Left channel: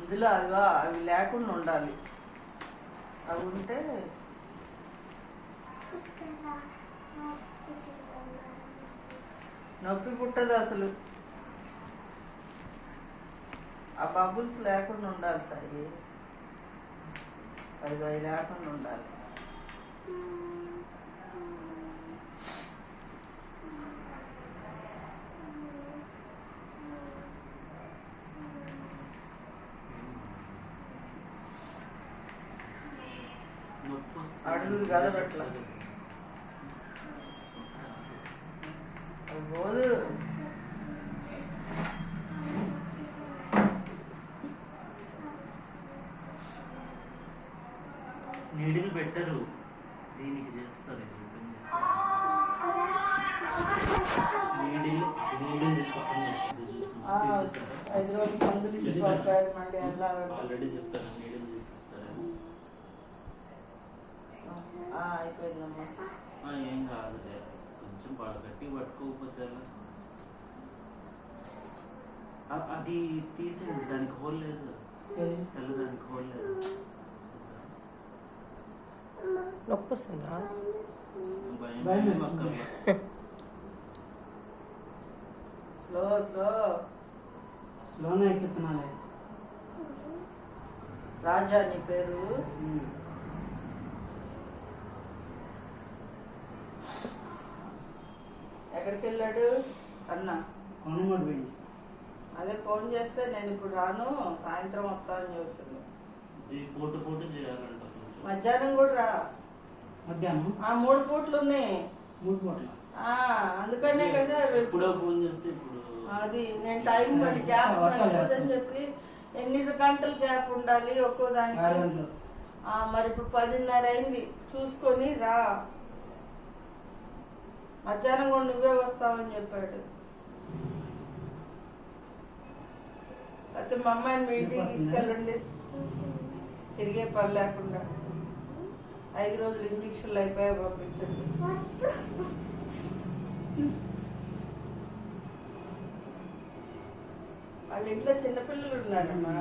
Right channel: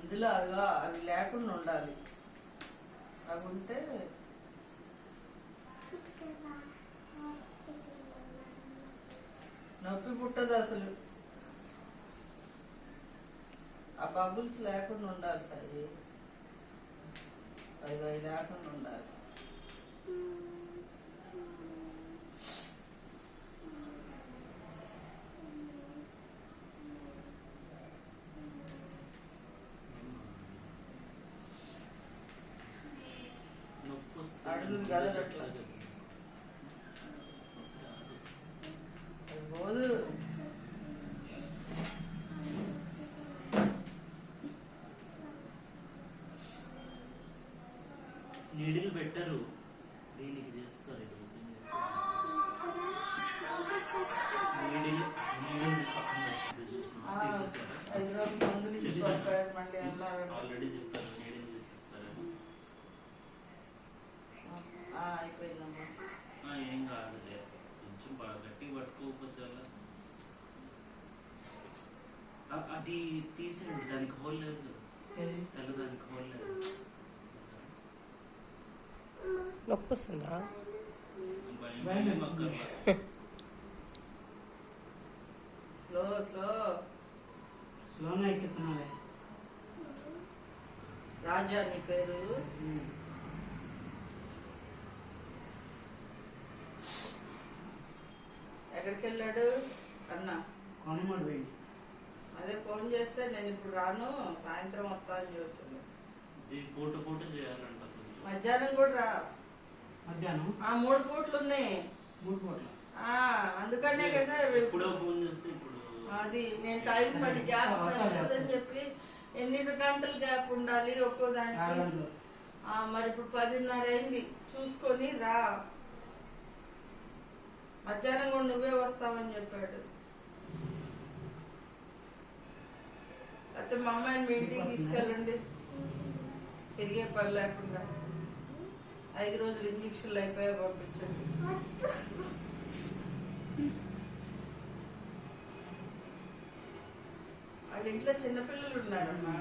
ఇందులో అవి లేకుండా ఉండాలి. అవి ఉంటే నొప్పి పుట్టదు అసలు. ఆ బబుల్స్ లేకుండా ఉండాలి సాయి. అది లేకుండా ఉండాలి. అడుగుది కదా అట్లా పోదు. నీడిల్ పెట్టరు, దీనికి చేస్తారు. నీడిల్ ఆల్రెడీ చెప్పాను, నీడిల్ తీసేస్తారు. అయిపోయిందమ్మా. ఏం కాదులే, కొంచెం బాగా గట్టి పట్టుకోకపోతే అది తీసేయండి. దానికి హోల్ లేదు, తెల్లదానికి హోల్ లేదు. నొప్పి వస్తుందా? Slow slow స్లోనే ఎక్కుతున్నాను. రాజా నీ పేరు? ఎక్కడికి వెళ్ళాడు అన్న? కొనమూడు పోయింది. అదే ఫోన్ చేస్తే నేను ఇప్పుడు రాను, సాయంత్రం వస్తా అని చెబుతుంది. మధ్యాహ్నం కూడా రా. మధ్యాహ్నం 3 పూట్లు ఉన్నాయి. 3 పూట్ల అందుకనే కదా ఫోన్ చేస్తే అది నేను టైం పడి గ్యాప్ సరిపోదని చెప్పి. ఎన్ని గంటల గ్యాప్ ఉండాలి ఒక్కో దానికి? మరి ఇప్పుడు 10:30 అయింది, చూసుకొని రా. మధ్యాహ్నం కూడా నువ్వే వస్తావని చెప్పాడు. అయితే మా అమ్మాయిని మీ ఇంటికి తీసుకెళ్ళండి, తిరిగే పని లేకుండా. 5 రోజులు ఇంజక్షన్లు అయిపోయాయి, పంపించండి. వాళ్ళ ఇంట్లో చిన్నపిల్లలు ఉన్నారమ్మా.